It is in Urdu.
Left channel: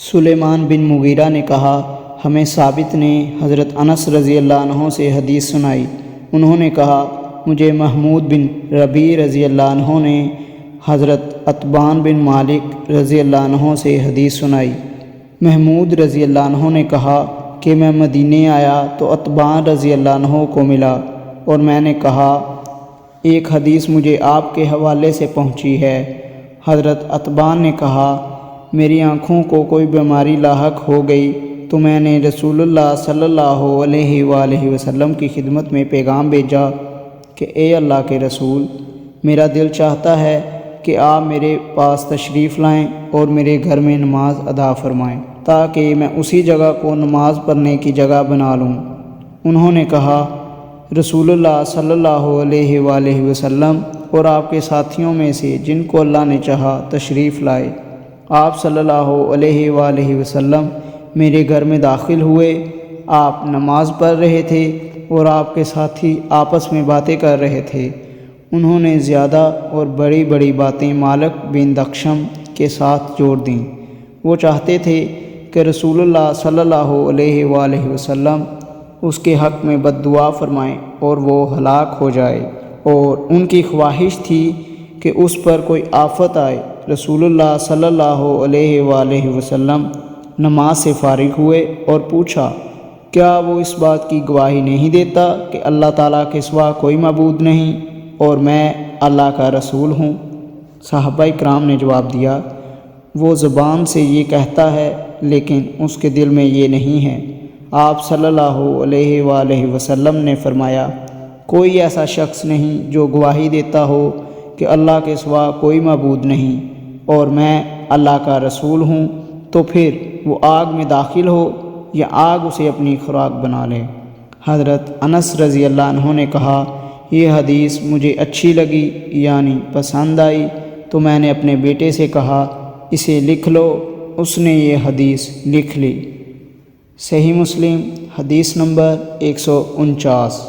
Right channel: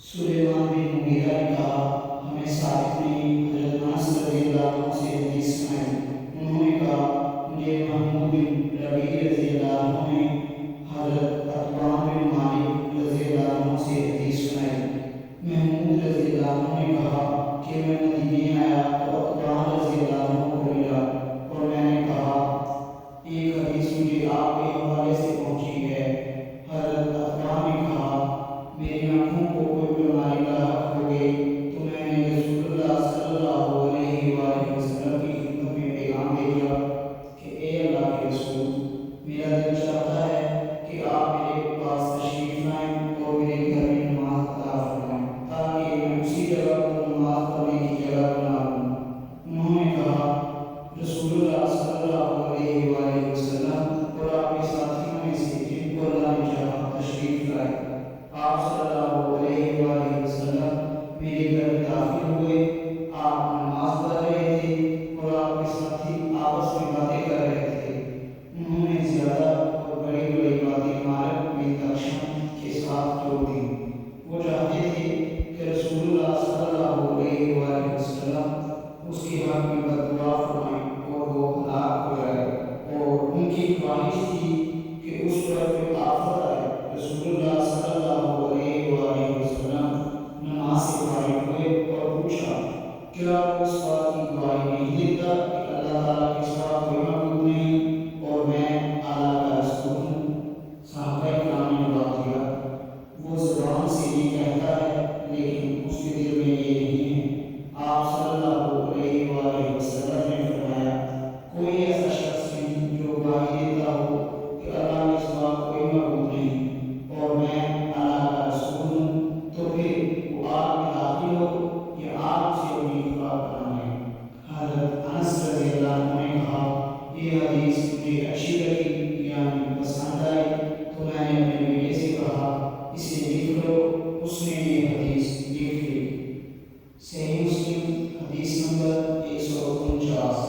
سلیمان بن مغیرہ نے کہا، ہمیں ثابت نے حضرت انس رضی اللہ عنہ سے حدیث سنائی۔ انہوں نے کہا، مجھے محمود بن ربیع رضی اللہ عنہ نے حضرت عتبان بن مالک رضی اللہ عنہ سے حدیث سنائی۔ محمود رضی اللہ عنہ نے کہا کہ میں مدینے آیا تو عتبان رضی اللہ عنہ کو ملا اور میں نے کہا، ایک حدیث مجھے آپ کے حوالے سے پہنچی ہے۔ حضرت عتبان نے کہا، میری آنکھوں کو کوئی بیماری لاحق ہو گئی تو میں نے رسول اللہ صلی اللہ علیہ وآلہ وسلم کی خدمت میں پیغام بھیجا کہ اے اللہ کے رسول، میرا دل چاہتا ہے کہ آپ میرے پاس تشریف لائیں اور میرے گھر میں نماز ادا فرمائیں تاکہ میں اسی جگہ کو نماز پڑھنے کی جگہ بنا لوں۔ انہوں نے کہا، رسول اللہ صلی اللہ علیہ وآلہ وسلم اور آپ کے ساتھیوں میں سے جن کو اللہ نے چاہا تشریف لائے۔ آپ صلی اللہ علیہ وآلہ وسلم میرے گھر میں داخل ہوئے۔ آپ نماز پڑھ رہے تھے اور آپ کے ساتھی آپس میں باتیں کر رہے تھے۔ انہوں نے زیادہ اور بڑی بڑی باتیں مالک بن دخشم کے ساتھ جوڑ دیں۔ وہ چاہتے تھے کہ رسول اللہ صلی اللہ علیہ وآلہ وسلم اس کے حق میں بد دعا فرمائیں اور وہ ہلاک ہو جائے، اور ان کی خواہش تھی کہ اس پر کوئی آفت آئے۔ رسول اللہ صلی اللہ علیہ وآلہ وسلم نماز سے فارغ ہوئے اور پوچھا، کیا وہ اس بات کی گواہی نہیں دیتا کہ اللہ تعالیٰ کے سوا کوئی معبود نہیں اور میں اللہ کا رسول ہوں؟ صحابہ کرام نے جواب دیا، وہ زبان سے یہ کہتا ہے لیکن اس کے دل میں یہ نہیں ہے۔ آپ صلی اللہ علیہ وآلہ وسلم نے فرمایا، کوئی ایسا شخص نہیں جو گواہی دیتا ہو کہ اللہ کے سوا کوئی معبود نہیں اور میں اللہ کا رسول ہوں، تو پھر وہ آگ میں داخل ہو یا آگ اسے اپنی خوراک بنا لے۔ حضرت انس رضی اللہ عنہ نے کہا، یہ حدیث مجھے اچھی لگی یعنی پسند آئی تو میں نے اپنے بیٹے سے کہا، اسے لکھ لو۔ اس نے یہ حدیث لکھ لی۔ صحیح مسلم حدیث نمبر 149۔